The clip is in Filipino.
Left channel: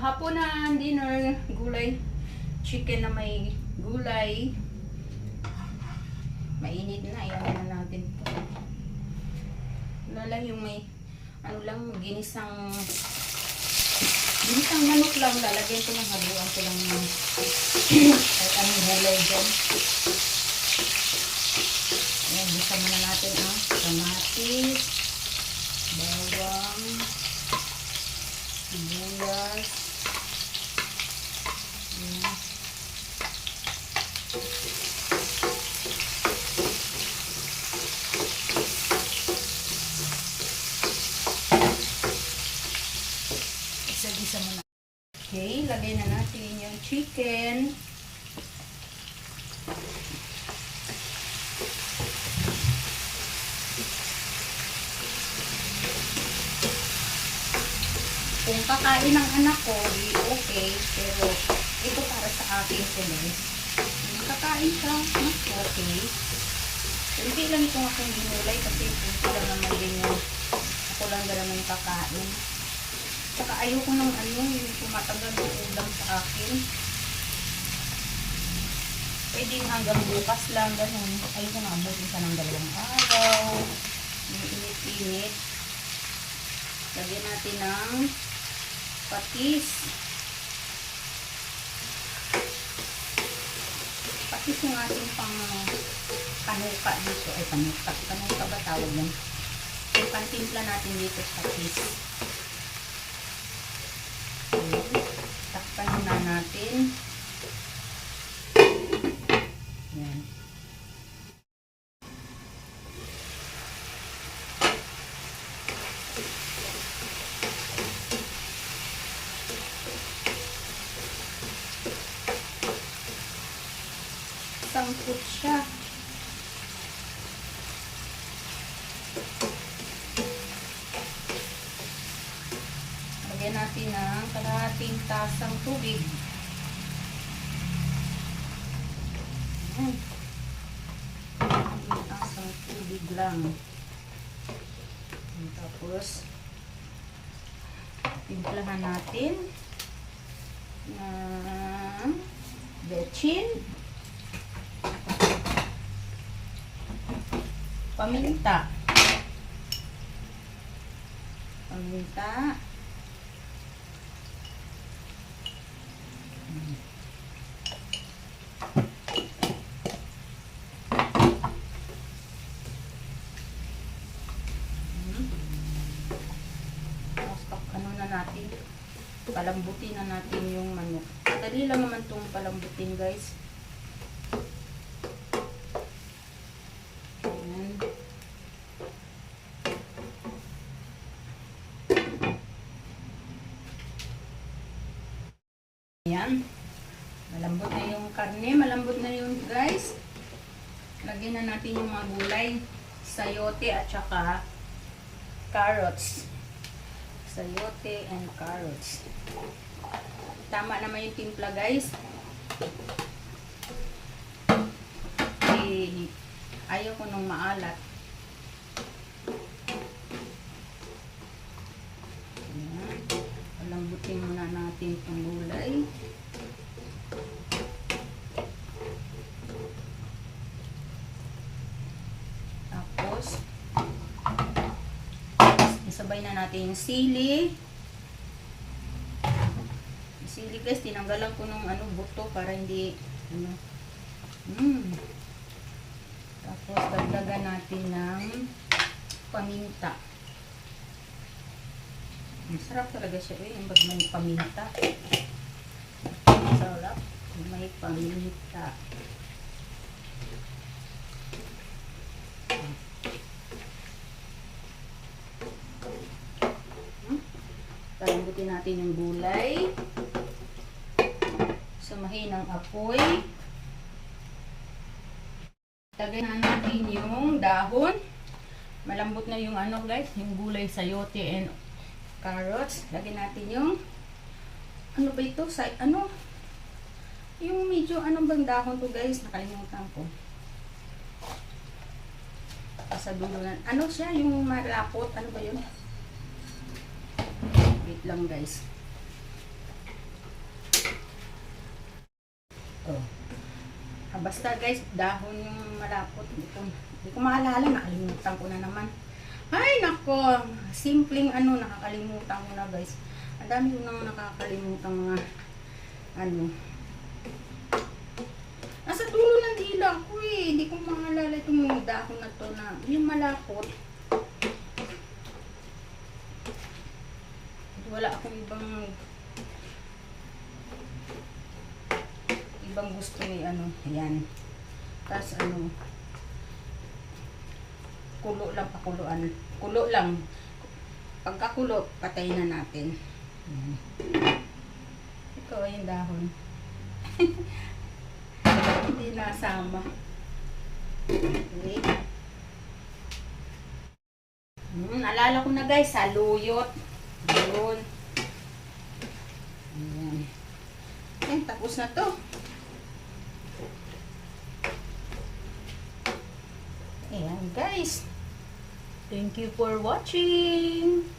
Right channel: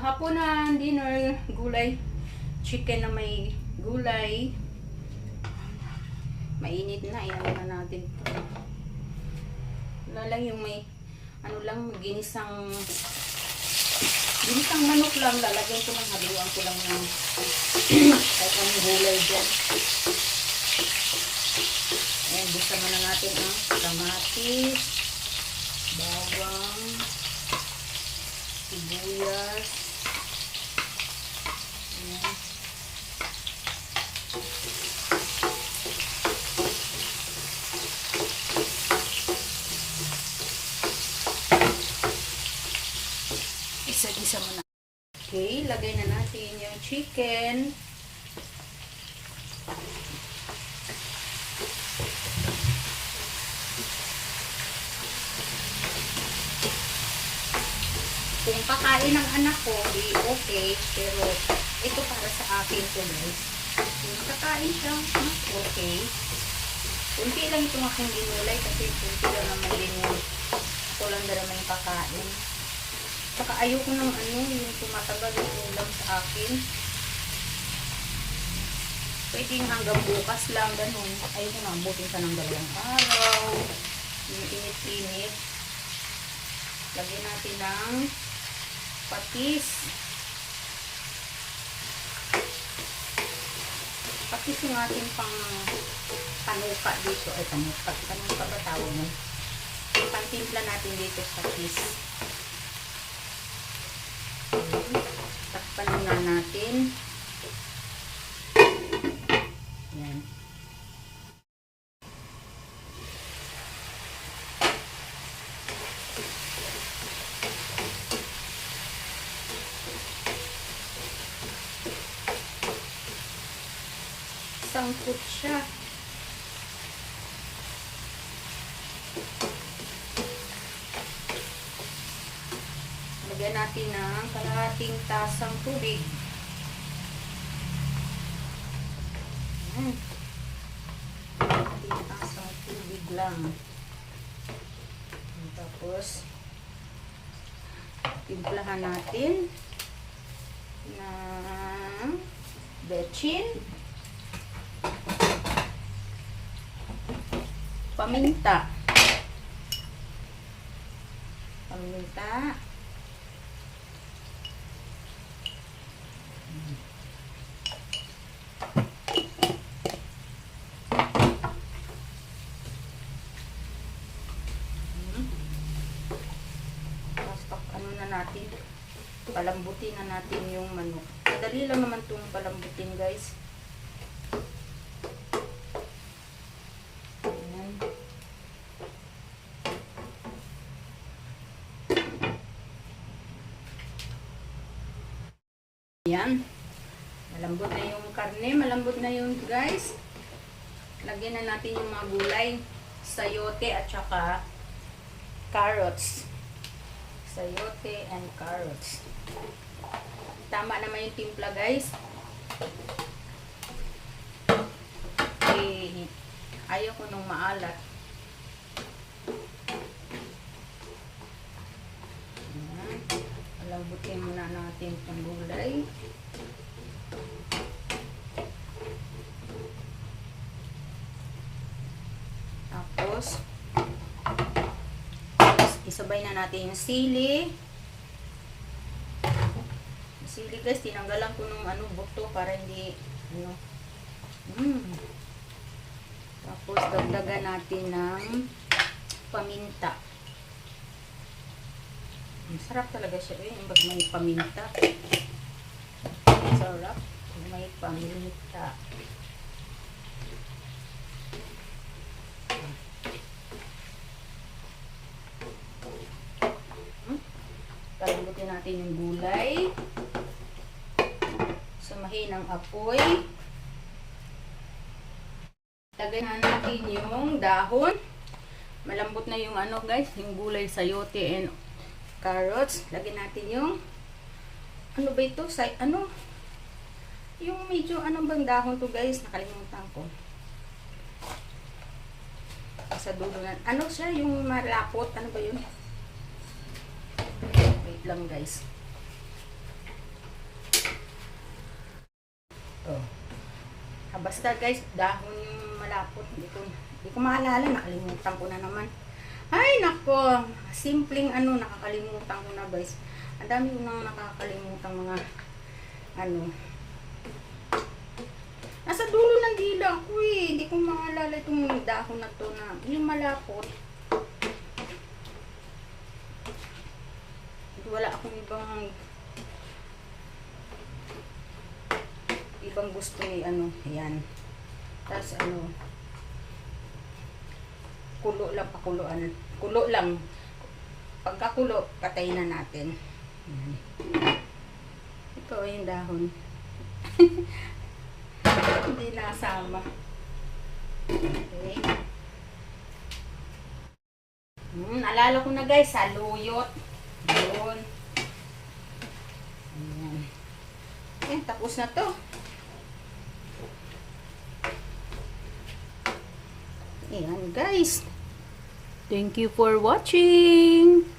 hapunan, dinner, gulay. Chicken na may gulay. Mainit na, iyan na natin. Wala lang yung may, ano lang, ginisang manok lang. Lalagyan ko ng haluan ko lang ng kahit anong gulay dyan. Ayan, bisa muna natin ang kamatis, bawang, sibuyas. Ayan. Isa-isa muna. Okay, lagay na natin yung chicken. Kung kakain ng anak ko, di okay. Pero ito para sa akin ko guys. Kung kakain ka, okay. Kunti lang itong akong ginulay kasi kunti lang naman yung ako lang dala ng kakain. Saka ayoko ng ano, yung tumatagal yung ulam sa akin. Pwedeng hanggang bukas lang, ganun. Ayoko na abutin sa ng 2 araw. Yung init-init. Lagyan natin ng patis. Patis yung ating pang kanuka dito. Ay, kanuka. Kanuka ba tawag mo? Yung pantimpla natin dito sa patis. Okay. Takpan muna natin. Ayan. Sangkot siya. Lagyan natin ng kalahating tasang tubig. Kalahating tasang tubig lang. Tapos, timplahan natin ng bechin, paminta. Palambutin na natin yung manok. Dali lang naman itong palambutin guys. Ayan. Ayan. Malambot na yung karne. Malambot na yung guys. Lagyan na natin yung mga gulay. Sayote at saka carrots. Sayote and carrots. Tama naman yung timpla guys. Eh, ayaw ko nung maalat. Ayan. Lambutin muna natin ang gulay. Tapos isabay na natin yung sili. Sili guys, tinanggalan ko ng buto para hindi Tapos dagdagan natin ng paminta. Masarap talaga siya yung pag may paminta. Masarap may paminta. Palambutin natin yung gulay. Samahin ang apoy. Lagay na natin yung dahon. Malambot na yung guys, yung gulay, sayote and carrots. Lagyan natin yung ba ito? Yung medyo bang dahon to guys? Nakalimutan ko. Sa dulo na. Siya? Yung malapot. Ano ba yun? Wait lang guys. Oh. Basta guys, dahon yung malapot. Hindi ko maalala, nakalimutan ko na naman. Ay, nako. Simpleng nakakalimutan ko na guys. Ang dami ko nang nakakalimutan mga nasa dulo ng dila ko eh. Hindi ko maalala itong dahon na to na yung malapot. Wala akong ibang gusto ni ayan. Tapos kulo lang, pakuluan. Kulo lang. Pagkakulo, patayin na natin. Ayan. Ito yung dahon. Hindi nasama. Okay. Alala ko na guys, saluyot. Yun. Ayan. Ayan, tapos na to. Ayan guys. Thank you for watching.